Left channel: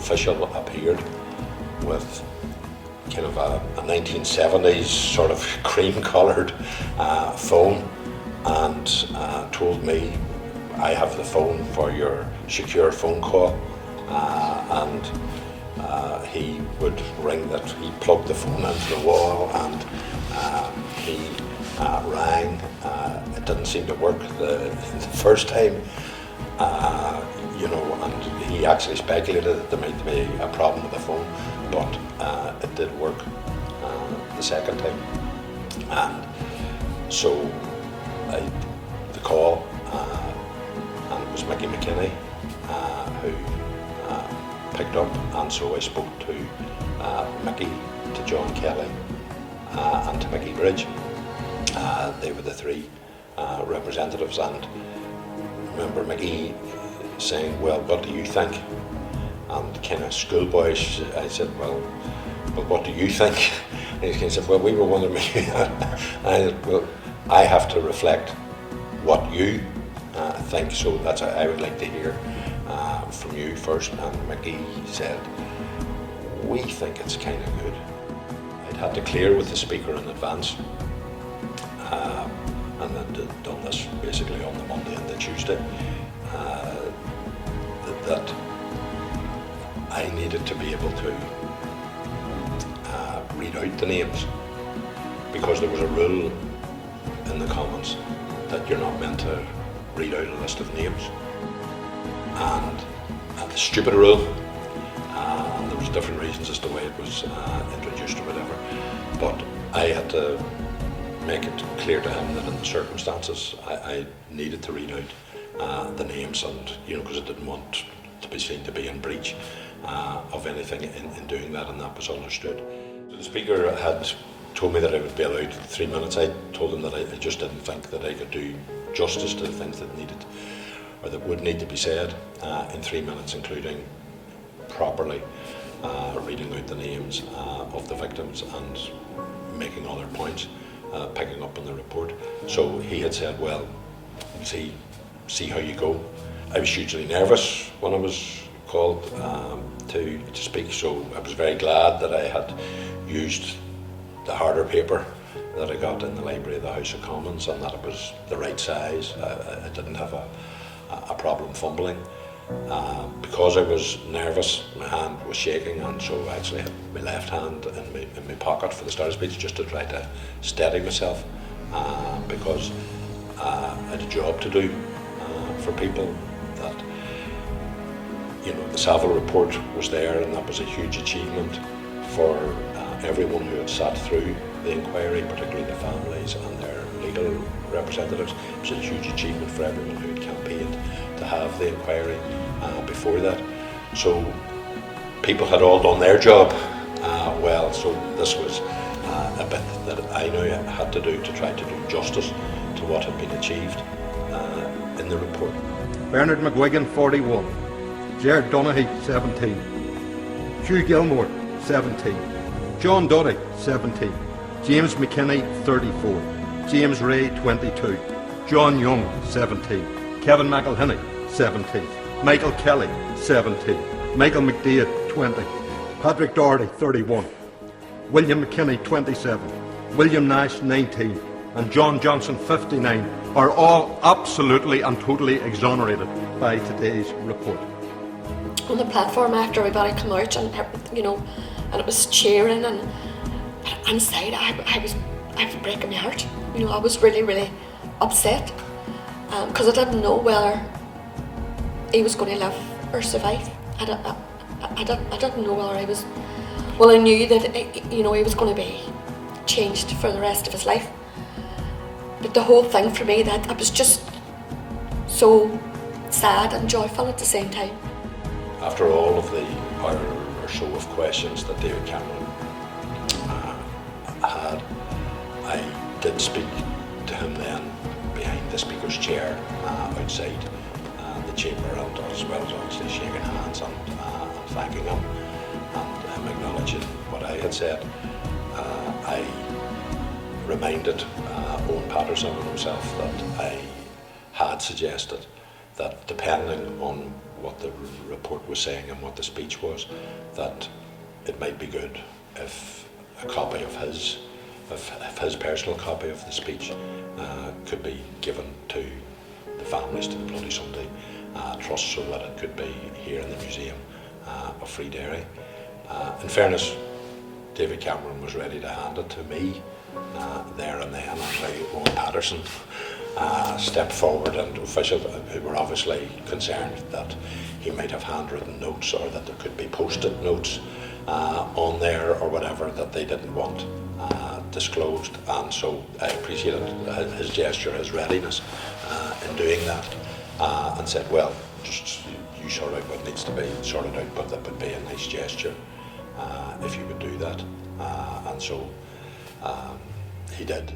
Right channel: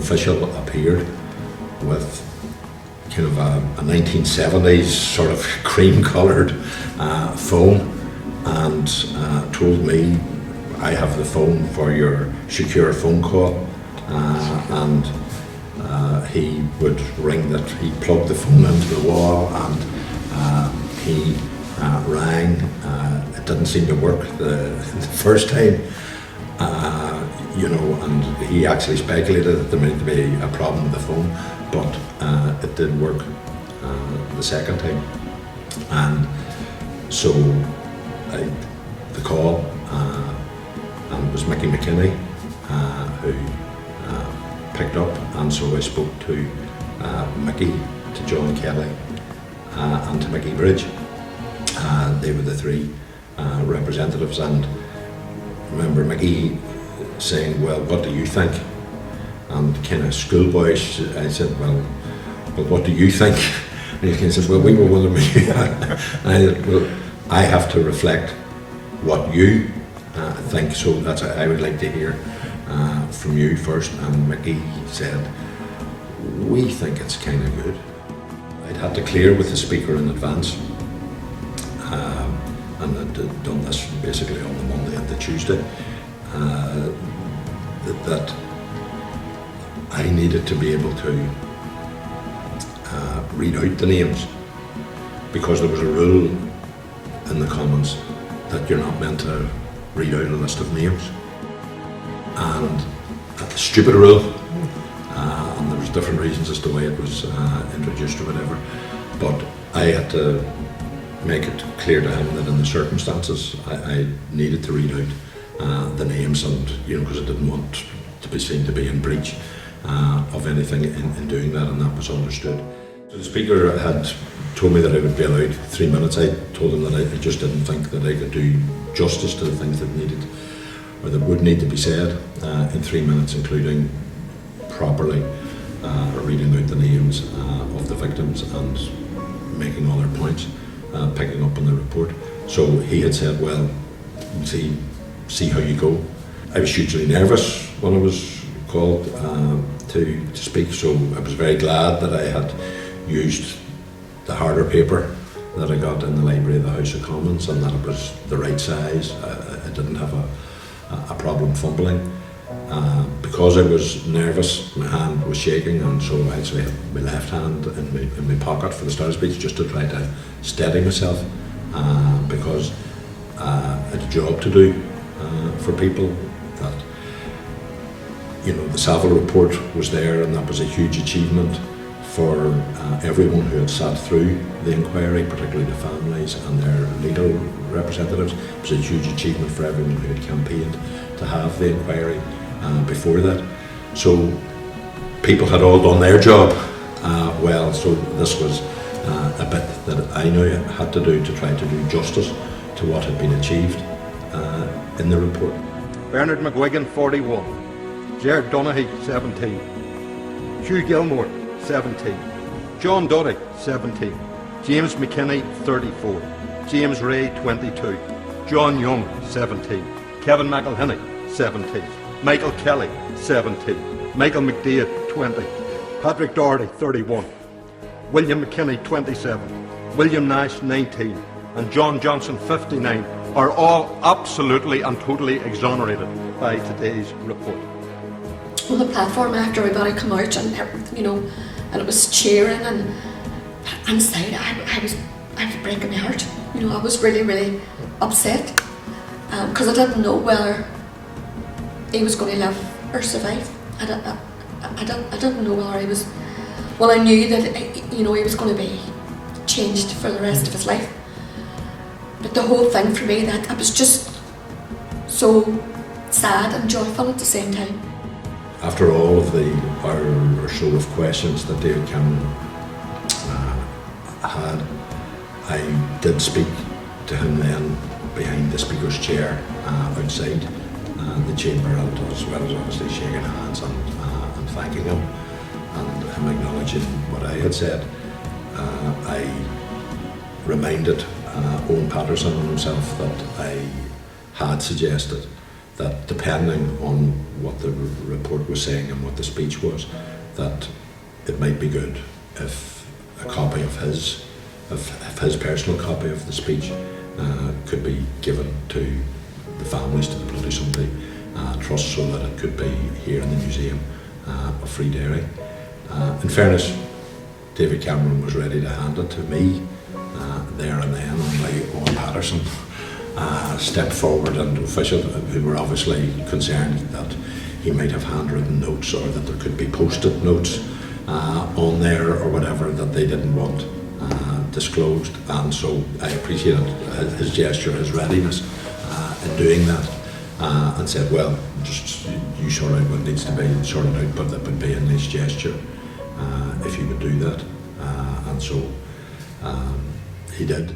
official appeared with kind of a 1970s sort of cream-coloured phone and told me, I have the phone for your secure phone call, and he would ring that, he plugged the phone into the wall and he rang. It didn't seem to work the first time, and he actually speculated that there might be a problem with the phone, but it did work the second time. And so the call, and it was Mickey McKinney who picked up, and so I spoke to Mickey, to John Kelly, and to Mickey Bridge. They were the three representatives, and I remember Mickey saying, well, what do you think? And kind of schoolboyish, I said, well, but what do you think? And he kind of said, well, we were wondering what you and I said, well, I have to reflect what you think, so that's I would like to hear from you first. And Mickey said, we think it's kind of good. I'd had to clear with the speaker in advance, and I'd done this basically on the Monday and the Tuesday, that I needed to be able to read out the names, because there was a rule in the Commons that you're not meant to read out a list of names, and a stupid rule, and there was different reasons as to why it was introduced or whatever, but I had to make it clear to him that in the circumstances I needed to read out the names, and because I didn't want to be seen to be in breach of anything in doing that, and that was understood. So the Speaker had told me that I would be allowed 3 minutes. I told him that I just didn't think that I could do justice to the things that needed, or that would need to be said in 3 minutes, including properly reading out the names of the victims and making all their points, picking up on the report. So he had said, well, see how you go. I was hugely nervous when I was called to speak, so I was very glad that I had used the harder paper that I got in the library of the House of Commons, and that it was the right size. I didn't have a problem fumbling. Because I was nervous, my hand was shaking, and so I actually had my left hand in my pocket for the start of speech, just to try to steady myself, because I had a job to do for people. That the Saville report was there, and that was a huge achievement for everyone who had sat through the inquiry, particularly the families and their legal representatives. It was a huge achievement for everyone who had campaigned to have the inquiry before that. So people had all done their job well, so this was a bit that I knew I had to do to try to do justice to what had been achieved in the report. Bernard McGuigan, 41. Gerard Donaghy, 17. Hugh Gilmore, 17. John Duddy, 17. James McKinney, 34. James Ray, 22. John Young, 17. Kevin McElhinney, 17. Michael Kelly, 17. Michael McDaid, 20. Patrick Doherty, 31. William McKinney, 27. William Nash, 19. And John Johnson, 59, are all absolutely and totally exonerated by today's report. On the platform, after everybody come out, and and it was cheering, and inside I was breaking my heart. I was really, really upset, because I didn't know whether he was going to live or survive. I didn't know whether he was. Well, I knew that he was going to be changed for the rest of his life. But the whole thing for me, that it was just so sad and joyful at the same time. After all of the hour or so of questions that David Cameron had, I did speak to him then behind the Speaker's chair outside the chamber, as well as obviously shaking hands and thanking him and him acknowledging what I had said. I reminded Owen Patterson and himself that I had suggested that depending on what the report was saying and what the speech was, that it might be good if a copy of his personal copy of the speech could be given to the families, to the Bloody Sunday Trust, so that it could be here in the Museum of Free Derry. In fairness, David Cameron was ready to hand it to me there and then, only Owen Patterson stepped forward, and officials who were obviously concerned that he might have handwritten notes or that there could be post-it notes on there or whatever that they didn't want disclosed, and so I appreciated his gesture, his readiness in doing that, and said, well, just you sort out what needs to be sorted out, but that would be a nice gesture if you could do that, and so he did.